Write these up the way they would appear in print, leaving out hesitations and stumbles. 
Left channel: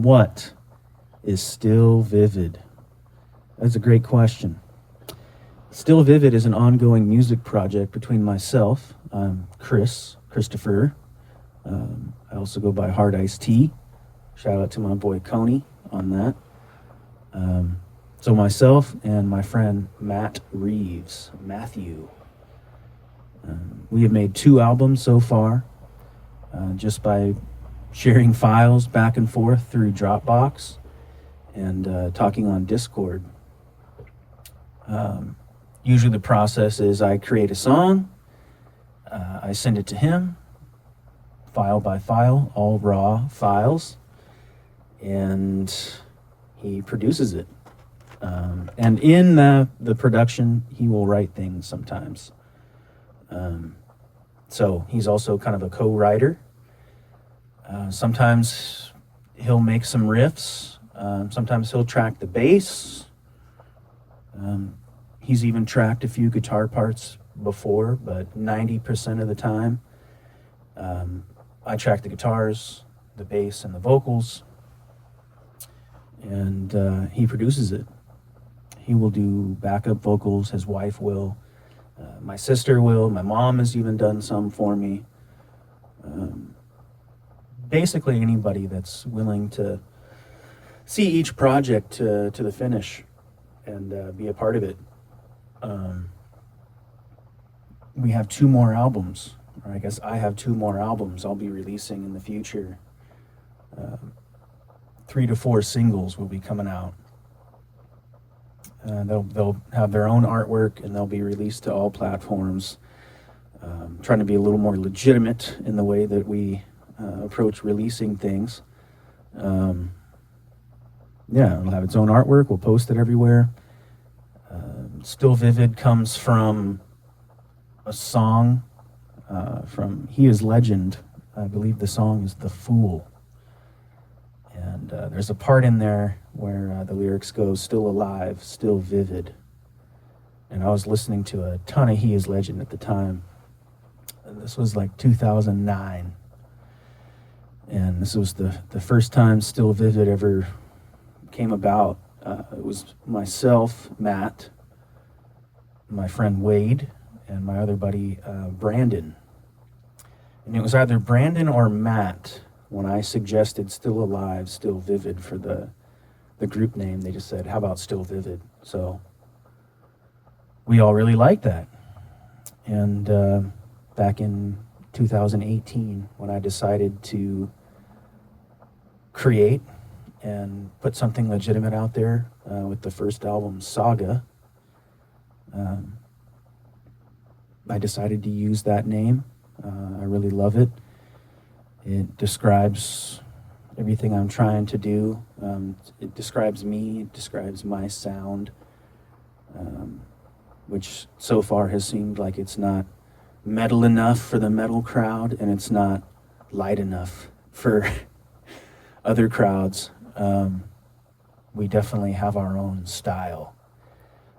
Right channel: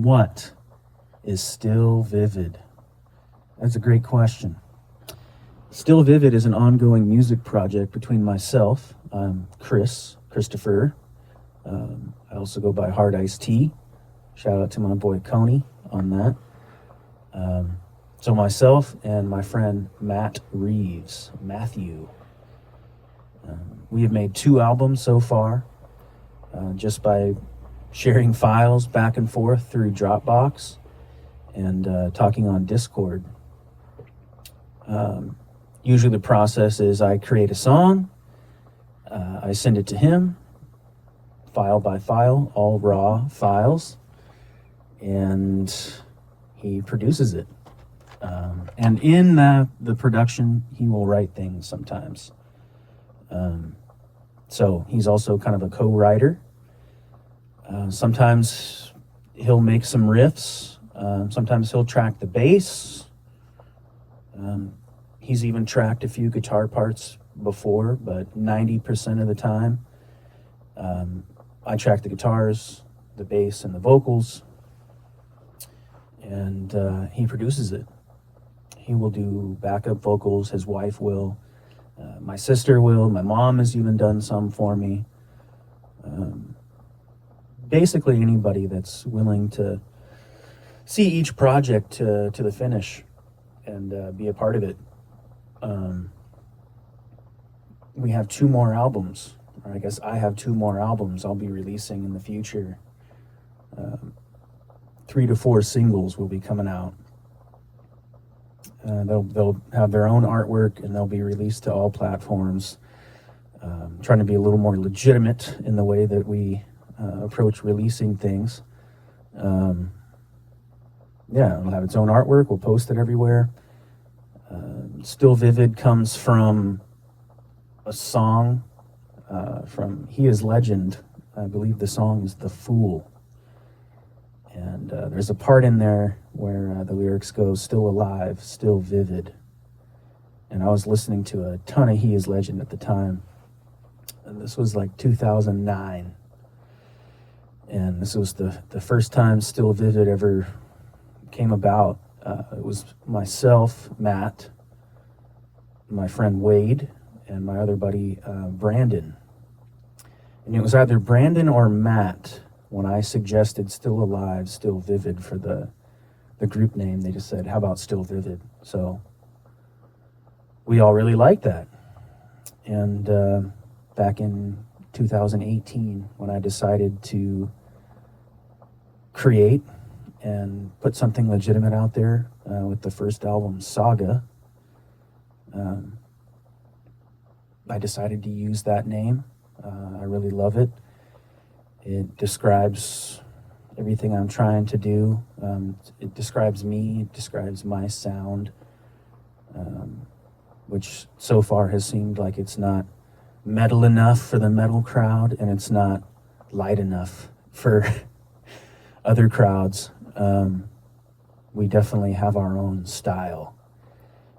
What is Still Vivid? That's a great question. Still Vivid is an ongoing music project between myself, Christopher. I also go by Hard Iced Tea. Shout out to my boy Coney on that. So myself and my friend Matthew. We have made 2 albums so far, just by sharing files back and forth through Dropbox and talking on Discord. Usually the process is I create a song, I send it to him, file by file, all raw files, and he produces it. And in the production, he will write things sometimes. So he's also kind of a co-writer. Sometimes he'll make some riffs. Sometimes he'll track the bass. He's even tracked a few guitar parts before, but 90% of the time, I track the guitars, the bass, and the vocals, and he produces it. He will do backup vocals, his wife will, my sister will, my mom has even done some for me. Basically anybody that's willing to see each project to the finish and be a part of it. We have 2 more albums, or I guess I have 2 more albums I'll be releasing in the future. 3 to 4 singles will be coming out. They'll have their own artwork and they'll be released to all platforms. Trying to be a little more legitimate in the way that we approach releasing things. It'll have its own artwork. We'll post it everywhere. Still Vivid comes from a song from He Is Legend. I believe the song is The Fool. And there's a part in there where the lyrics go, still alive, still vivid. And I was listening to a ton of He Is Legend at the time. And this was like 2009. And this was the first time Still Vivid ever came about. It was myself, Matt, my friend Wade, and my other buddy Brandon. And it was either Brandon or Matt when I suggested Still Alive, Still Vivid for the group name. They just said, how about Still Vivid? So we all really liked that. And back in 2018, when I decided to create and put something legitimate out there with the first album, Saga, I decided to use that name. I really love it. It describes everything I'm trying to do. It describes me, it describes my sound, which so far has seemed like it's not metal enough for the metal crowd, and it's not light enough for other crowds. We definitely have our own style,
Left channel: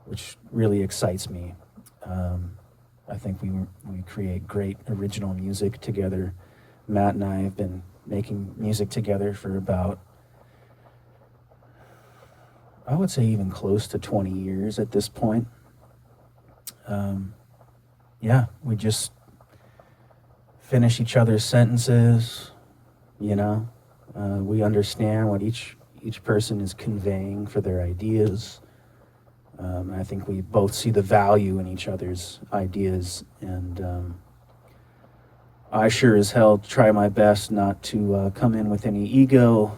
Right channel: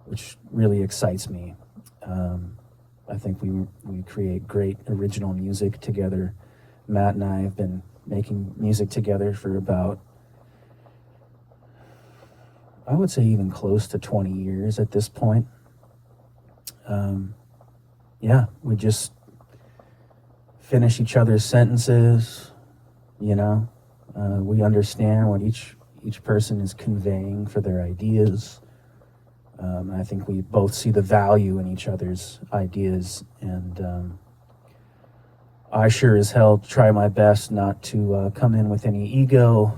which really excites me. I think we create great original music together. Matt and I have been making music together for about, I would say even close to 20 years at this point. We just finish each other's sentences, we understand what each person is conveying for their ideas. I think we both see the value in each other's ideas, and I sure as hell try my best not to come in with any ego,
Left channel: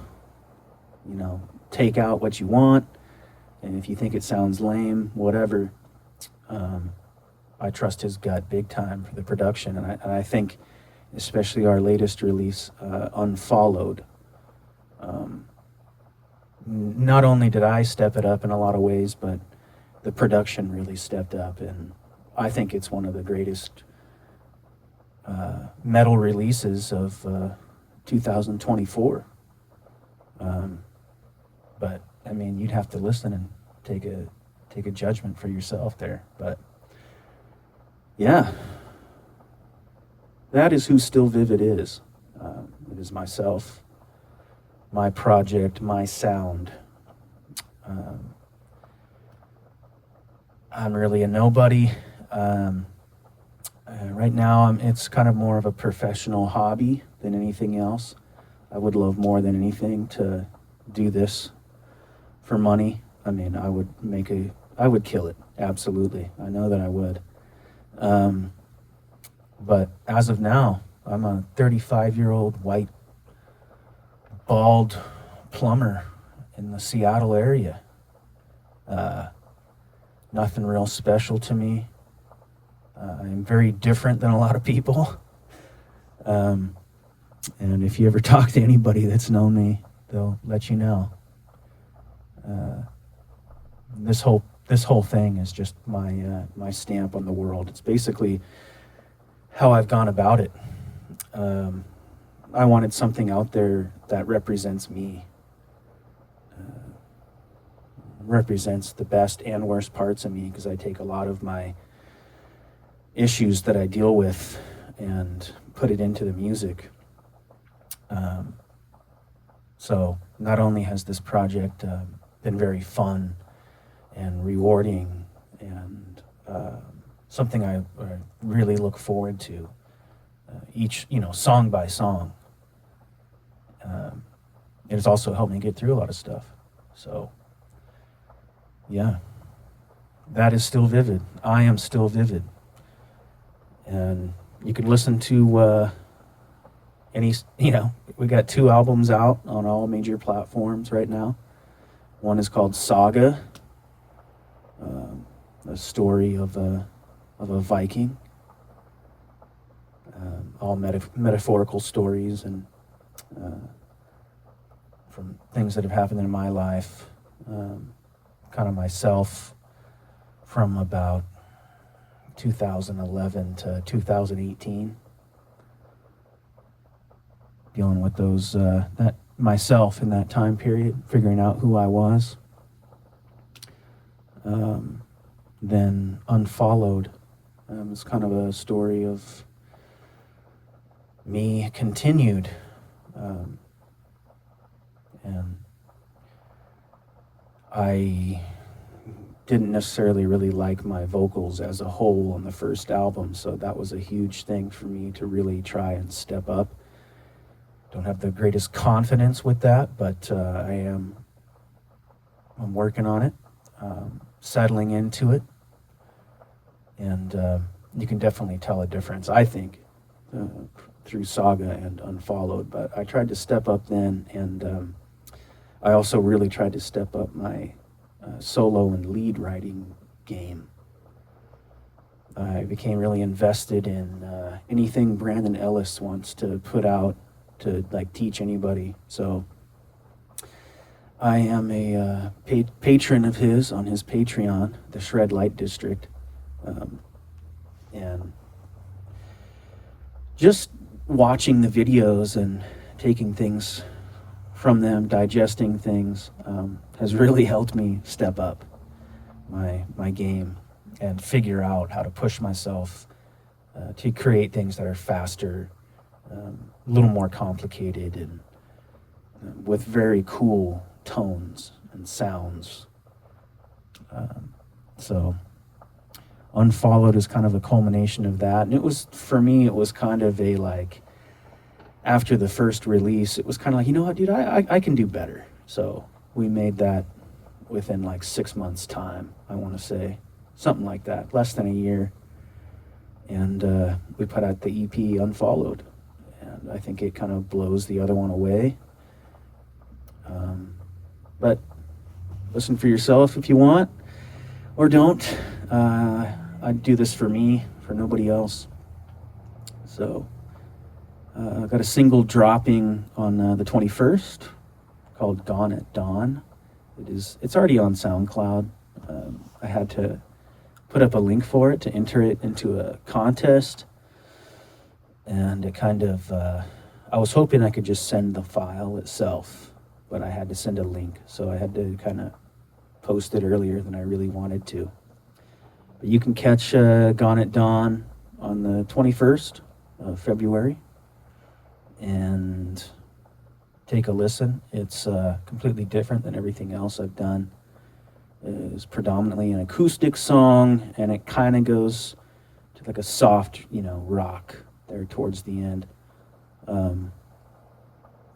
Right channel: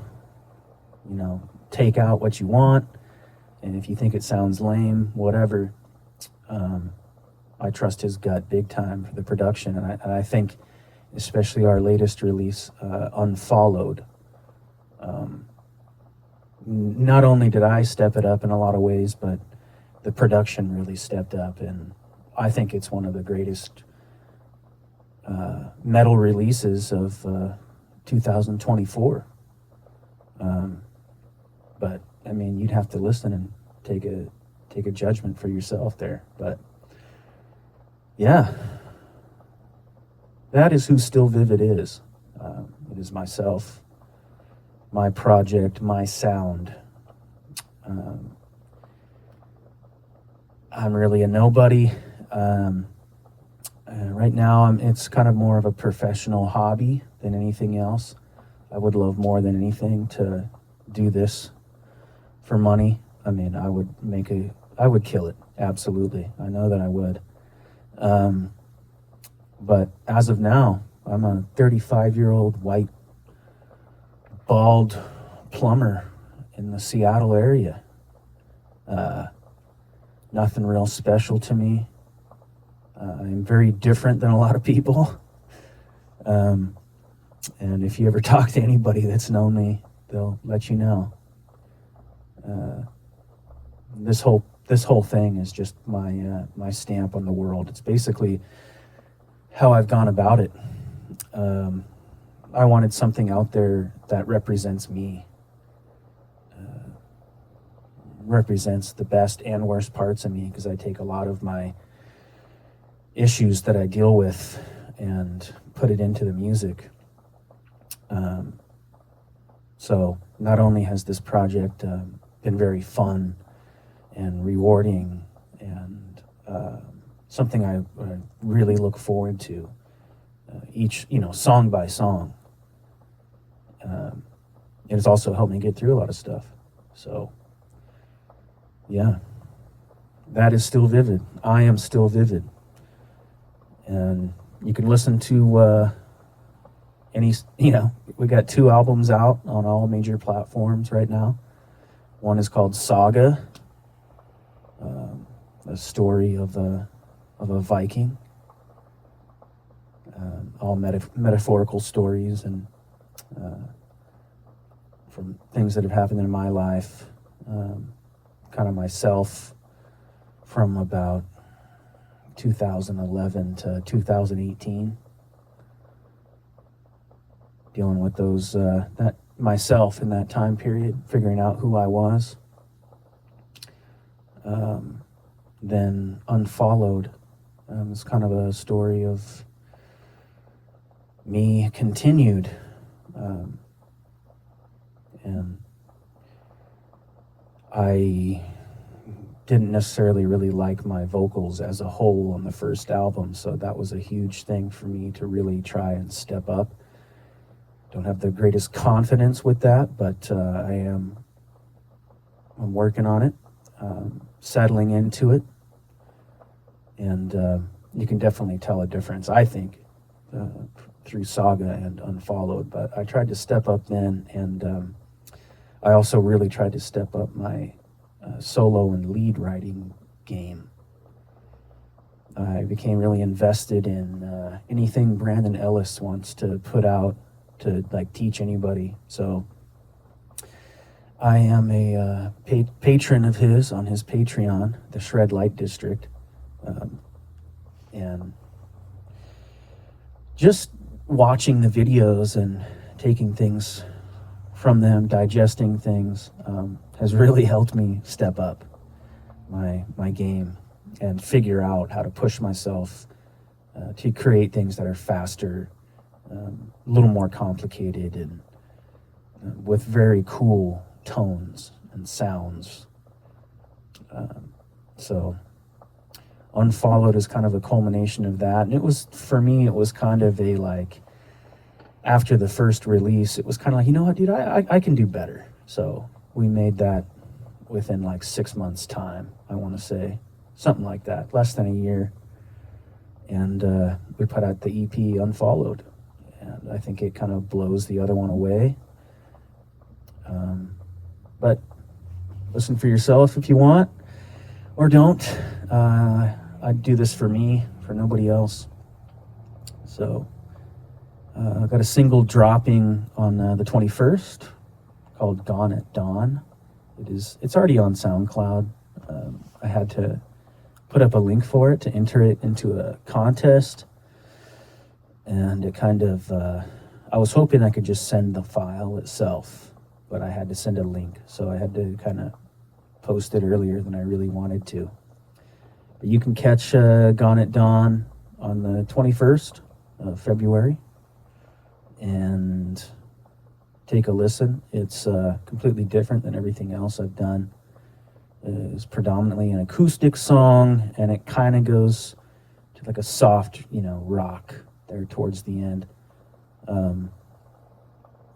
take out what you want, and if you think it sounds lame, whatever. I trust his gut big time for the production, and I think especially our latest release, Unfollowed. Not only did I step it up in a lot of ways, but the production really stepped up, and I think it's one of the greatest metal releases of 2024. But I mean, you'd have to listen and take a judgment for yourself there. But yeah, that is who Still Vivid is. It is myself, my project, my sound. I'm really a nobody. Right now, it's kind of more of a professional hobby than anything else. I would love more than anything to do this for money. I mean, I would kill it. Absolutely. I know that I would. But as of now, I'm a 35-year-old white, bald plumber in the Seattle area. Nothing real special to me. I'm very different than a lot of people. And if you ever talk to anybody that's known me, they'll let you know. This whole thing is just my stamp on the world. It's basically how I've gone about it. I wanted something out there that represents me, represents the best and worst parts of me, because I take a lot of my issues that I deal with and put it into the music. So not only has this project been very fun and rewarding and something I really look forward to, each, song by song, it has also helped me get through a lot of stuff. So yeah, that is StillVivid. I am StillVivid. And you can listen to we got 2 albums out on all major platforms right now. One is called Saga, a story of a Viking, all metaphorical stories and from things that have happened in my life, kind of myself from about 2011 to 2018, dealing with those that myself in that time period, figuring out who I was. Then Unfollowed is kind of a story of me continued, and I didn't necessarily really like my vocals as a whole on the first album, so that was a huge thing for me to really try and step up. Don't have the greatest confidence with that, but I'm working on it, settling into it, and you can definitely tell a difference, I think, through Saga and Unfollowed. But I tried to step up then, and I also really tried to step up my solo and lead writing game. I became really invested in anything Brandon Ellis wants to put out to teach anybody. So I am a patron of his on his Patreon, the Shred Light District, and just watching the videos and taking things from them, digesting things, has really helped me step up my game and figure out how to push myself to create things that are faster, a little more complicated, and with very cool tones and sounds. So Unfollowed is kind of a culmination of that. And it was kind of a after the first release, it was kind of like, you know what, dude, I can do better. So we made that within 6 months' time, I want to say. Something like that, less than a year. And we put out the EP Unfollowed. And I think it kind of blows the other one away. But listen for yourself if you want, or don't. I do this for me, for nobody else. So I've got a single dropping on the 21st called Gone at Dawn. It's already on SoundCloud. I had to put up a link for it to enter it into a contest. And it kind of, I was hoping I could just send the file itself, but I had to send a link. So I had to kind of post it earlier than I really wanted to. But you can catch Gone at Dawn on the 21st of February. And take a listen. It's completely different than everything else I've done. It's predominantly an acoustic song, and it kind of goes to like a soft, rock there towards the end.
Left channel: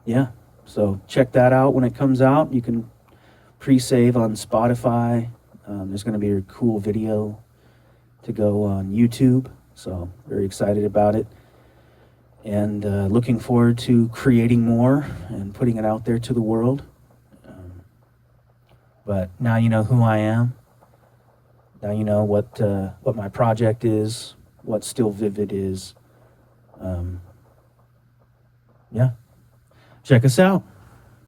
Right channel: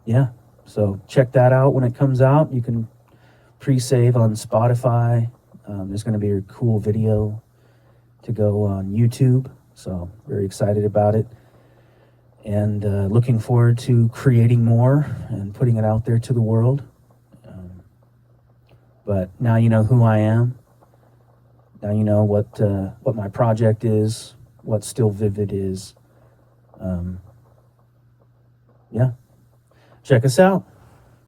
Yeah, so check that out when it comes out. You can pre-save on Spotify. There's going to be a cool video to go on YouTube, so very excited about it. And looking forward to creating more and putting it out there to the world. But now you know who I am. Now you know what my project is, what StillVivid is. Yeah. Check us out.